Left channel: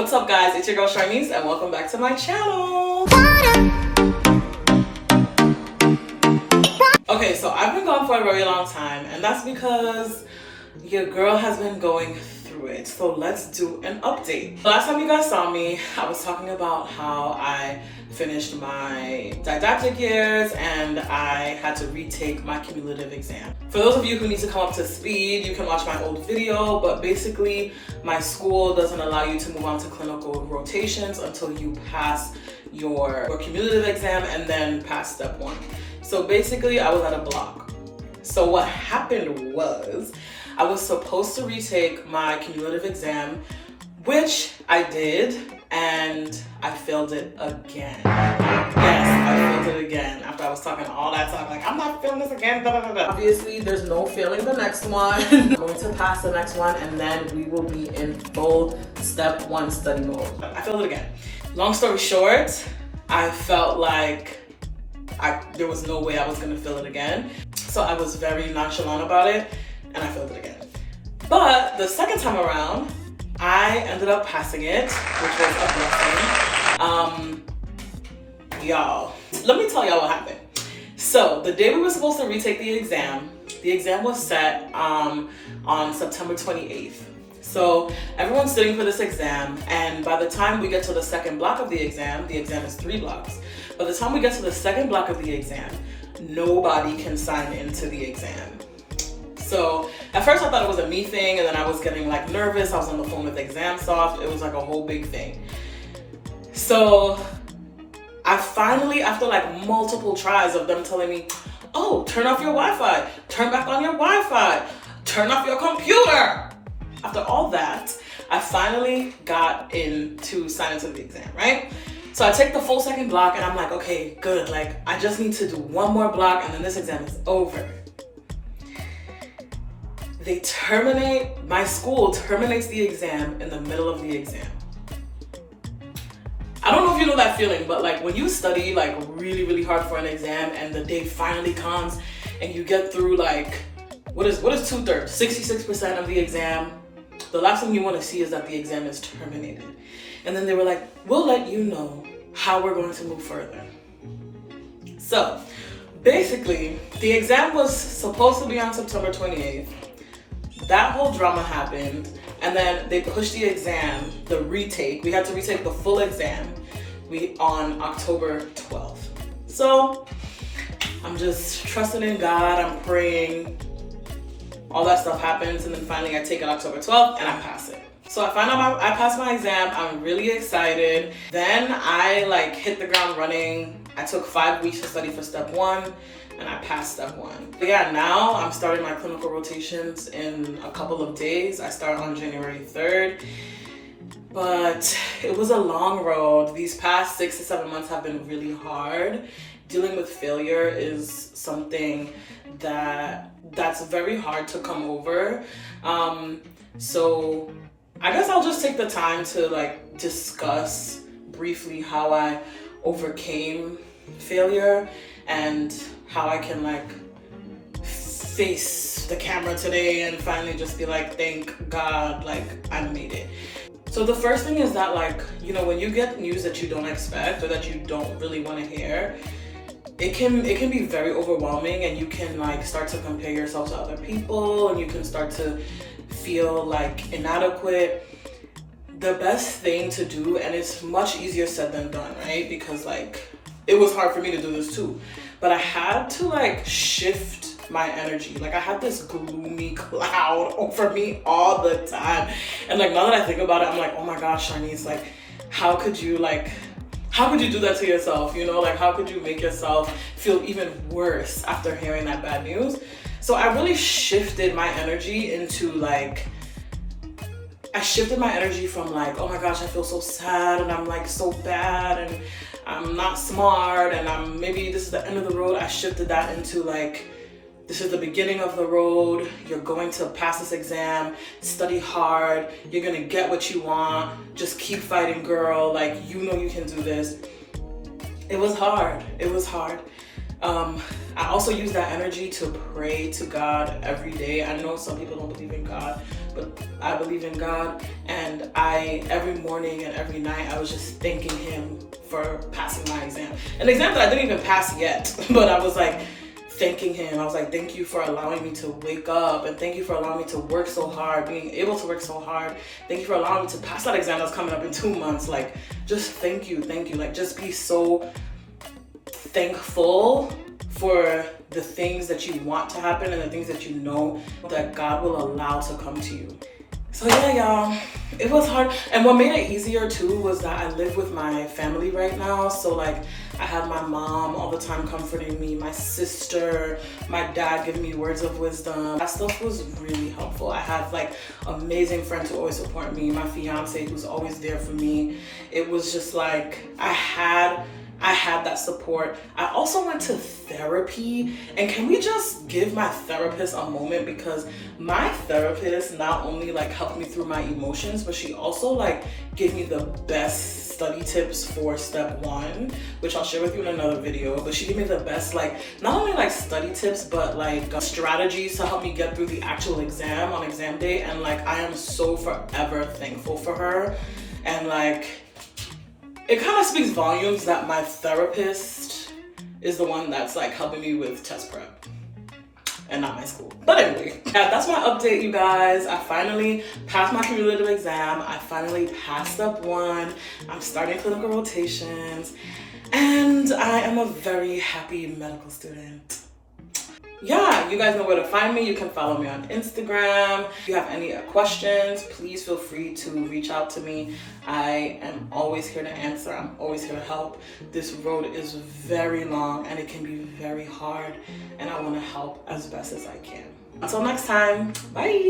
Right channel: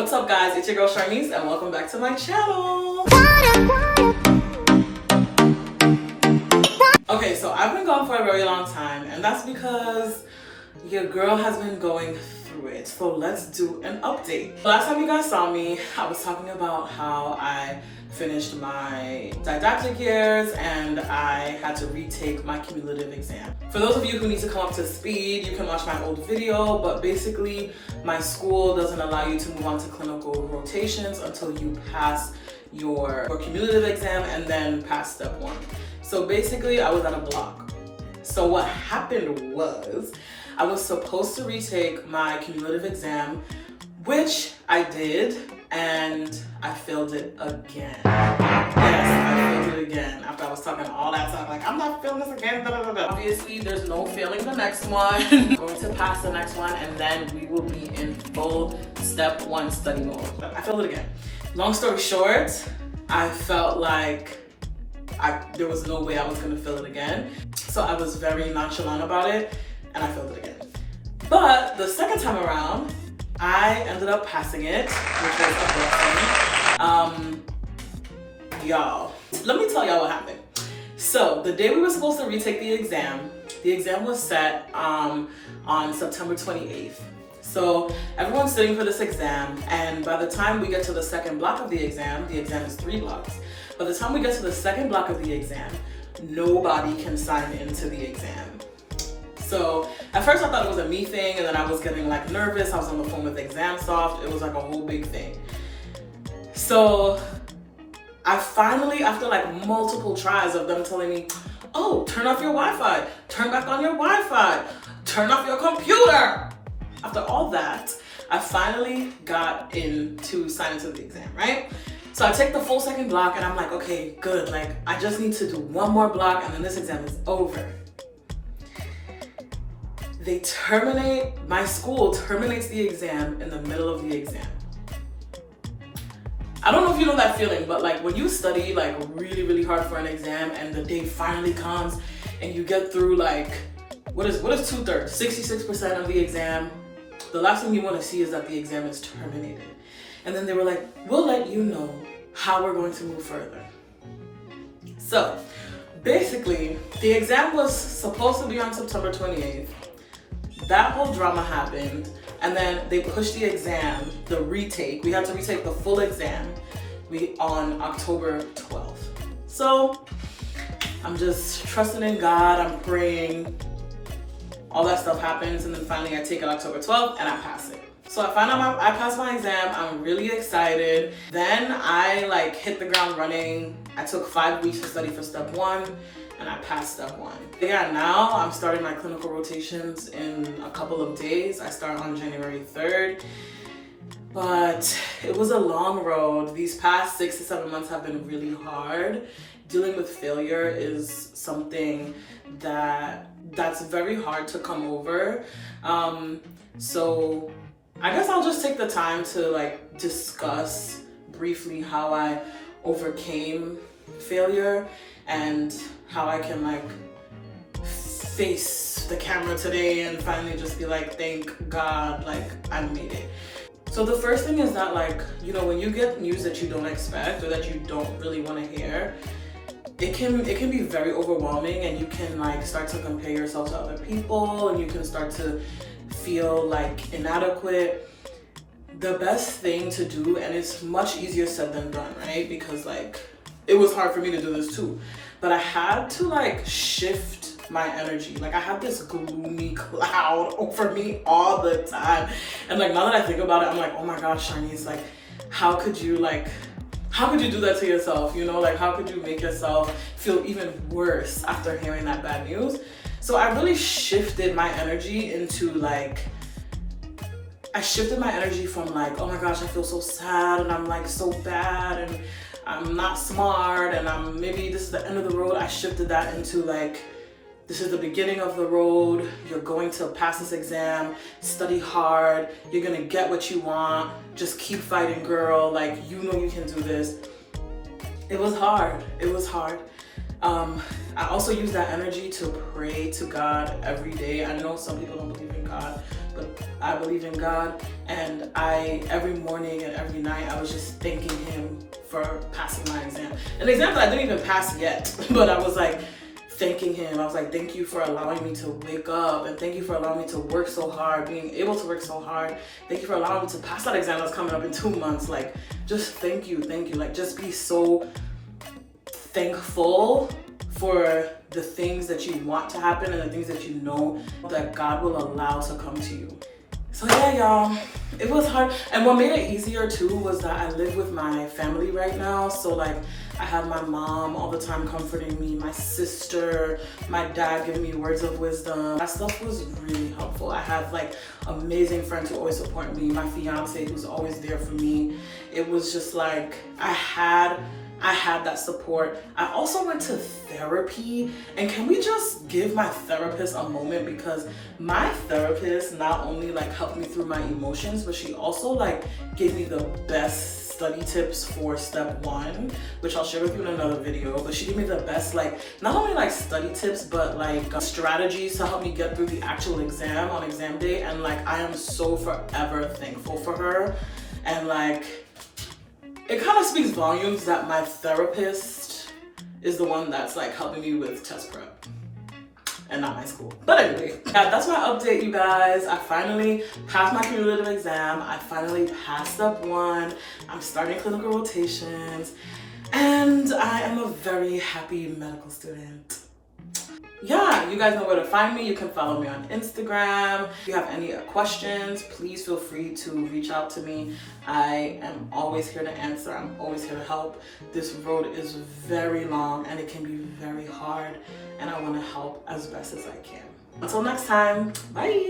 What's up guys, it's your girl Charnice and welcome back to my channel. Okay, so I've been gone for a very long time and that's because your girl has been going through it. So let's do an update. Last time you guys saw me, I was talking about how I finished my didactic years and I had to retake my cumulative exam. For those of you who need to come up to speed, you can watch my old video, but basically my school doesn't allow you to move on to clinical rotations until you pass your cumulative exam and then pass step 1. So basically I was at a block. So what happened was I was supposed to retake my cumulative exam, which I did, and I failed it again. Yes, I failed it again after I was talking all that talk, like I'm not failing this again, blah, blah, blah. Obviously, there's no failing the next one. I'm going to pass the next one, and then we will be in full step 1 study mode. I failed it again. Long story short, I felt like there was no way I was gonna fail it again. So I was very nonchalant about it, and I failed it again. But the second time around, I ended up passing it, which was a blessing. Y'all, let me tell y'all what happened. So the day we were supposed to retake the exam was set on September 28th. So everyone's sitting for this exam, and by the time we get to the second block of the exam is 3 blocks. By the time we get to the second block of the exam, nobody can sign into the exam. So at first I thought it was a me thing, and then I was getting like nervous. I was on the phone with ExamSoft. It was like a whole big thing. So I finally, after like multiple tries of them telling me, oh, turn off your Wi-Fi, turn back on your Wi-Fi, turn off your computer. After all that, I finally got in to sign into the exam, right? So I take the full second block and I'm like, okay, good. Like I just need to do one more block and then this exam is over. My school terminates the exam in the middle of the exam. I don't know if you know that feeling, but like when you study like really, really hard for an exam and the day finally comes and you get through like, what is 2/3? 66% of the exam. The last thing you want to see is that the exam is terminated. And then they were like, we'll let you know how we're going to move further. So basically the exam was supposed to be on September 28th. That whole drama happened, and then they pushed the exam, the retake. We had to retake the full exam on October 12th. So I'm just trusting in God, I'm praying, all that stuff happens, and then finally I take it October 12th and I pass it. So I found out I passed my exam. I'm really excited. Then I like hit the ground running. I took 5 weeks to study for step 1 and I passed step 1. Yeah, now I'm starting my clinical rotations in a couple of days. I start on January 3rd. But it was a long road. These past 6 to 7 months have been really hard. Dealing with failure is something that's very hard to come over. So I guess I'll just take the time to like discuss briefly how I overcame failure and how I can like face the camera today and finally just be like, thank God, like I made it. So the first thing is that like, you know, when you get news that you don't expect or that you don't really want to hear, it can be very overwhelming, and you can like start to compare yourself to other people and you can start to feel like inadequate. The best thing to do, and it's much easier said than done, right? Because like it was hard for me to do this too, but I had to like shift my energy. Like I had this gloomy cloud over me all the time, and like now that I think about it, I'm like, oh my gosh, Charnice, like how could you do that to yourself? You know, like how could you make yourself feel even worse after hearing that bad news? So I really shifted my energy into like, I shifted my energy from like, oh my gosh, I feel so sad and I'm like so bad and I'm not smart and maybe this is the end of the road. I shifted that into like, this is the beginning of the road. You're going to pass this exam, study hard. You're gonna get what you want. Just keep fighting, girl. Like, you know you can do this. It was hard. It was hard. I also use that energy to pray to God every day. I know some people don't believe in God, but I believe in God. And every morning and every night, I was just thanking him for passing my exam. An exam that I didn't even pass yet, but I was like thanking him. I was like, thank you for allowing me to wake up, and thank you for allowing me to work so hard, being able to work so hard. Thank you for allowing me to pass that exam that's coming up in 2 months. Like, just thank you. Like, just be so thankful for the things that you want to happen and the things that you know that God will allow to come to you. So yeah, y'all, it was hard. And what made it easier too was that I live with my family right now. So like, I have my mom all the time comforting me, my sister, my dad giving me words of wisdom. That stuff was really helpful. I have like amazing friends who always support me, my fiance who's always there for me. It was just like, I had that support. I also went to therapy, and can we just give my therapist a moment, because my therapist not only like helped me through my emotions, but she also like gave me the best study tips for step 1, which I'll share with you in another video. But she gave me the best, like, not only like study tips, but like strategies to help me get through the actual exam on exam day. And like, I am so forever thankful for her. And like, it kind of speaks volumes that my therapist is the one that's like helping me with test prep and not my school. But anyway, yeah, that's my update, you guys. I finally passed my cumulative exam. I finally passed step 1. I'm starting clinical rotations, and I am a very happy medical student. Yeah, you guys know where to find me. You can follow me on Instagram. If you have any questions, please feel free to reach out to me. I am always here to answer. I'm always here to help. This road is very long and it can be very hard, and I want to help as best as I can. Until next time, bye.